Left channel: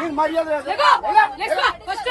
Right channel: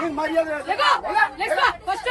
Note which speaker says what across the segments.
Speaker 1: నీకు మర్యాద లేదు.
Speaker 2: లేకో లేకో ఫస్ట్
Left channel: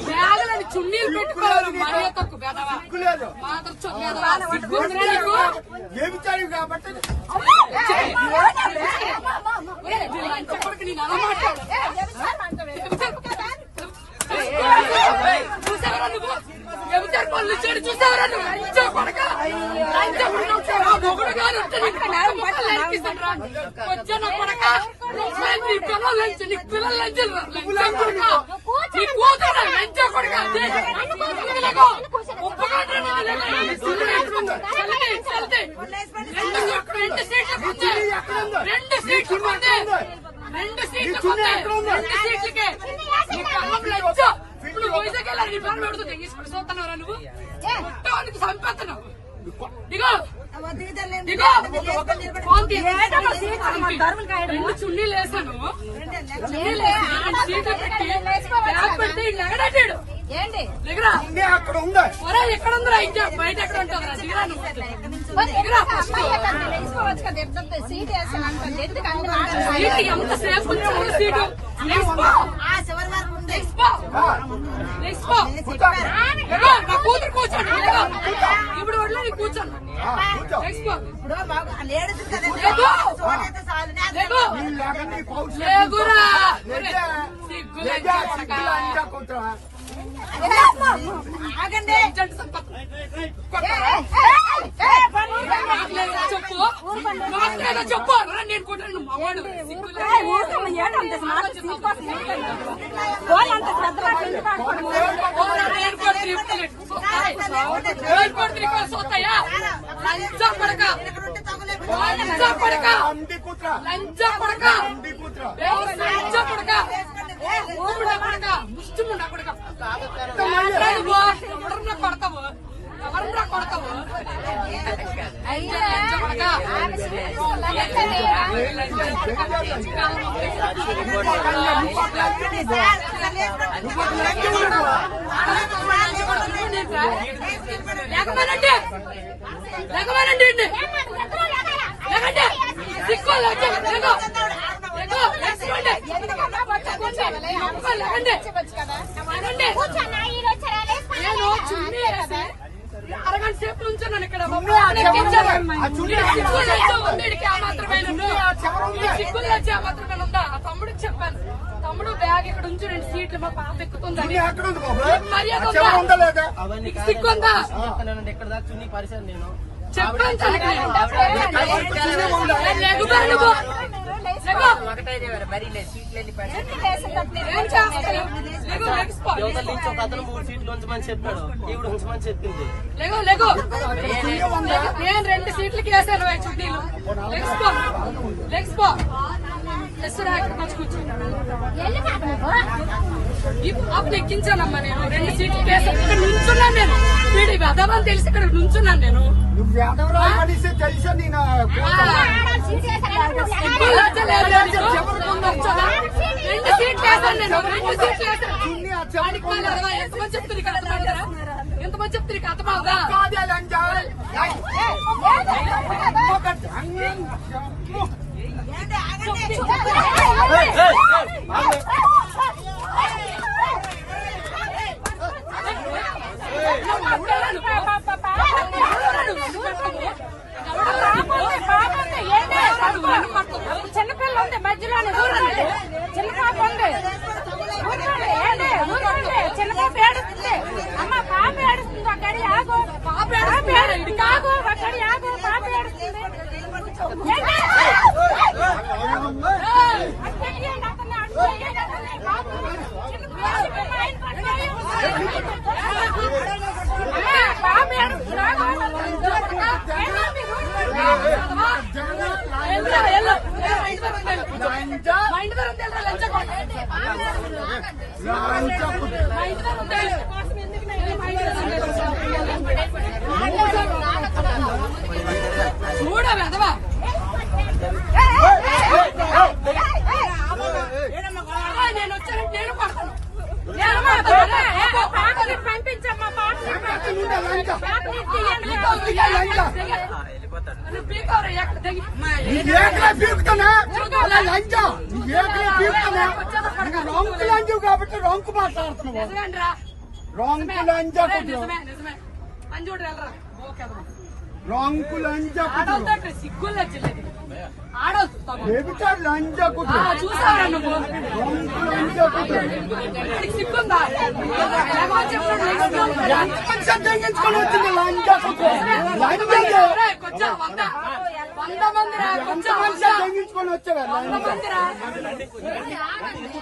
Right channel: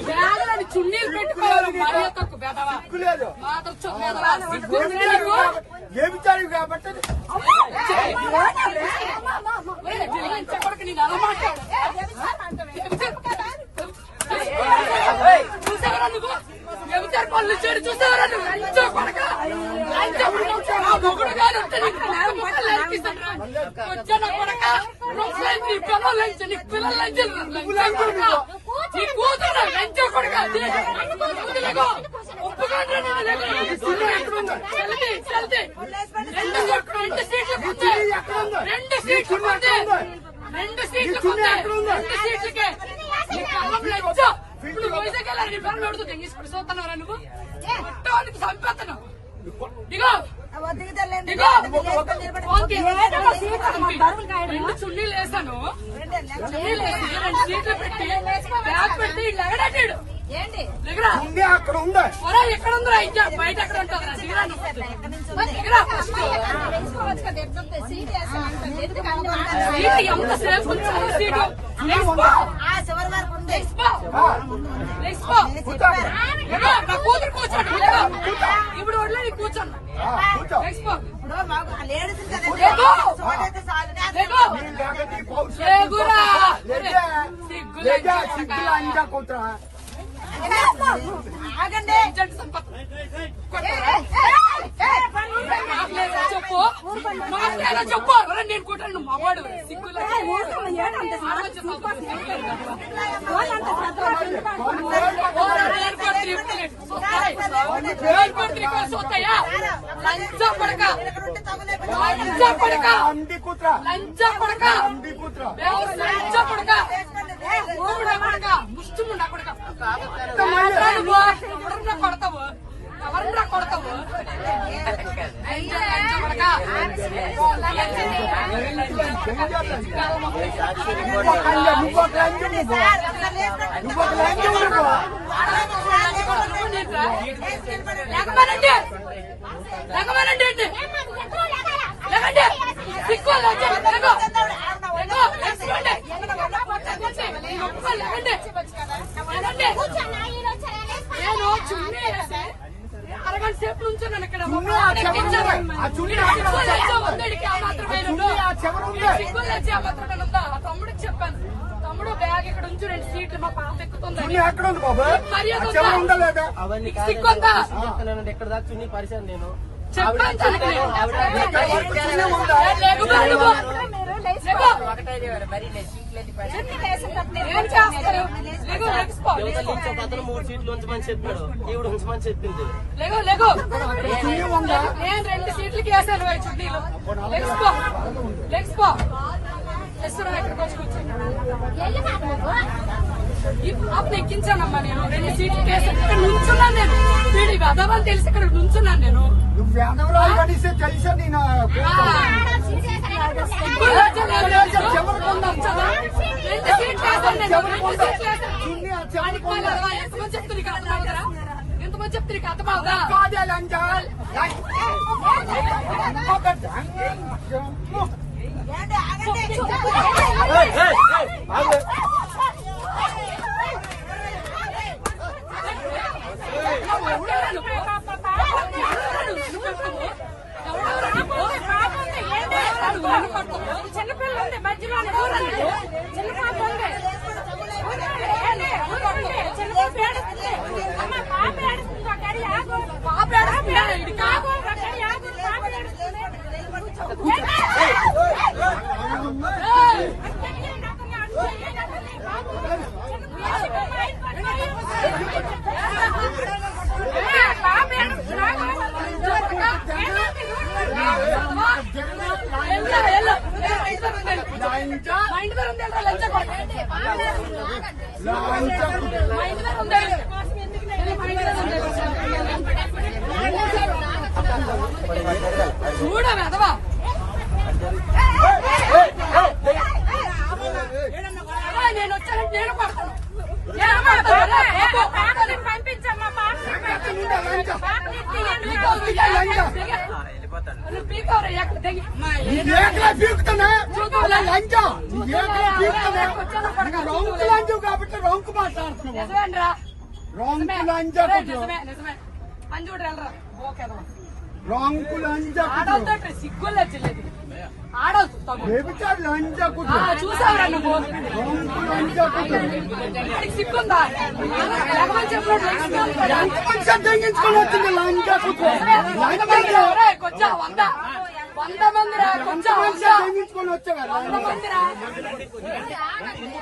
Speaker 2: బ్యాగులని చున్నీలు పెట్టుకోవాలి చూసావరా నువ్వు చెబుతారు పళ్ళు చెడు చూసావరా నువ్వు కొడక కాదు నీ నీ పిల్లలు రెండు రెండు సీట్లు రెండు సీట్లు రెండు సీట్లు ముందే రెండు సీట్లకే ఇప్పుడు వైజాగ్ వెళ్ళాలి నీ పనులు పెడుతుంది ఇప్పుడు చూస్తున్నావురా నువ్వు ఇగో ఇగో ఫోన్. రెండు చున్నీలు వేసాను సీట్లు పెట్టి బ్యాగ్
Speaker 3: ఏంటి?
Speaker 1: ఉంది అక్కడ ఉంది?
Speaker 2: ఒరే ఎక్కడ ఉందిరా? ఇంకా బయట ఎక్కడ ఉంటుందిరా దిగరా నువ్వు దిగరా ఫస్ట్.
Speaker 3: తెలుసుకోవచ్చు కదా ఎంత సీట్. అనుకుంటున్నాను?
Speaker 2: సీటు ఎంత కూతురు కూర్చోండి. ఇప్పుడు వడ్లే కూర్చోండి.
Speaker 3: లేడీస్ కదా
Speaker 2: లేకో.
Speaker 3: సీట్ చాలు.
Speaker 2: లేకో.
Speaker 1: లేక నీ పౌరుషం.
Speaker 2: లేగురా.
Speaker 1: లేక.
Speaker 2: సిగ్గు
Speaker 1: లేక
Speaker 2: లేక
Speaker 1: సిగ్గులు అంతా కూతురా.
Speaker 3: ఆగండి
Speaker 2: లంచం లంచం లంచం లంచం ముష్టి ముండ ఎవరురా కొడతావు? ఎవరురా కొడతావు? లంచం, లంచం కొడక.
Speaker 1: అయ్యా, ఇంకొక లంచం నువ్వు. ఇంకొక లంచం నువ్వు.
Speaker 2: లేకపోయినండి లేకపోయినండి అండి లేకండి సిక్కు లేకండి లేకో లేకో లేకపోండి లేకండి లేకండి నేను చున్నీ వేసి సేపు నుంచున్నాను ఇక్కడ
Speaker 1: చున్నీ ఆ
Speaker 2: మాత్రమే
Speaker 1: ఆ ఉంది.
Speaker 2: తమ్ముడికి చెప్పాను తమ్ముడు బ్యాగ్ ఇక్కడ ఉంచు రెండు సీట్లు మా పాప
Speaker 1: బాబు
Speaker 2: మర్యాద
Speaker 4: ఎక్కడ దాకా చున్నీ పరిచాను నేను
Speaker 2: చెప్పాను
Speaker 4: సీట్లు యువతల. నుంచి ఒక అతను మూడు సీట్లు ఉంచమని చెప్పాడు. ఈవిడ ఉంచమని చెప్పింది.
Speaker 1: చున్నీ ఉందా?
Speaker 2: నేను రెండు సీట్లకి వేసాను చున్నీలు లెగిసిపో లెగిసిపో పాపను ఎక్కించానమ్మా నేను. రెండు సీట్లకి వేసాను ఇక్కడ నుంచున్నాను నేను. వీడి వెదవని తెలిసి ఇక్కడ నుంచున్నాను నేను.
Speaker 1: తెలిసే నేను
Speaker 2: రెండు సీట్లు వేసాను ఎంతమంది రెండు సీట్లు వేసాను
Speaker 1: చున్నీ చెవులు
Speaker 2: వాడికి వాళ్ళు అరవై ఎంతమంది చెప్తే నీకు అర్థమవుతారా ఎంతమంది చెప్తే నీకు అర్థమవుతా
Speaker 1: కాదే లంచం. ఏయ్, ఇంకొక లంచం.
Speaker 2: చిన్నపిల్ల ఉంది మధ్యలో చిన్న పాప ఉంది చిన్న పాప ఏడుస్తుంది పాప ఏడుస్తుంది అక్కడి ఆగు పాప ఏడుస్తుంది ఇది కాదు అక్కడి ఆగు పాప ఏడుస్తుంది ఎల్లో ఎల్లో
Speaker 1: లంచా
Speaker 2: మా ఇంటి దగ్గర ఉంది వెళ్ళరా, లంచా కొడతా.
Speaker 1: లంచా
Speaker 2: మా ఇంటి దగ్గర ఉంది. మా ఇంటి దగ్గర ఉంది. చూడ చూడవా నేను వచ్చాను నేను పడతాను నేను పడతాను అరే, బాబు, పడతాను.
Speaker 3: పంపించమ్మా బాబు
Speaker 1: లంచా
Speaker 2: పీకావు, పీకావు,
Speaker 1: లంచా
Speaker 2: నువ్వు పీకావురా, ఎక్కడ దిగి.
Speaker 1: నీ ఏకలే పీకుతానే అలా లంచా నీ ఏకలే పీకుతానే నీకు రొంకు లంచు కాబట్టి రొంకు మాట్లాడుతున్నావు
Speaker 2: నిజమేనరా?
Speaker 1: రొంకు లంచా కొట్టు
Speaker 2: ఆడవుతు, తగ్గు.
Speaker 1: డెబిటా లంచా
Speaker 2: నువ్వు?
Speaker 1: రొంకు లంచా?
Speaker 2: ఏమని చెప్పాడు?
Speaker 1: ఎంతమంది సందేహించుకొని వచ్చింది లంచా వచ్చావే
Speaker 2: వంద మందిరా. ఒరేయ్,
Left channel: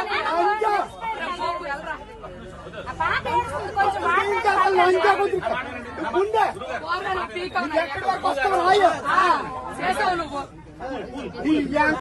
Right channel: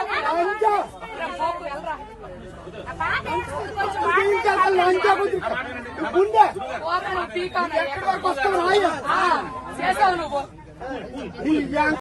Speaker 1: టీకా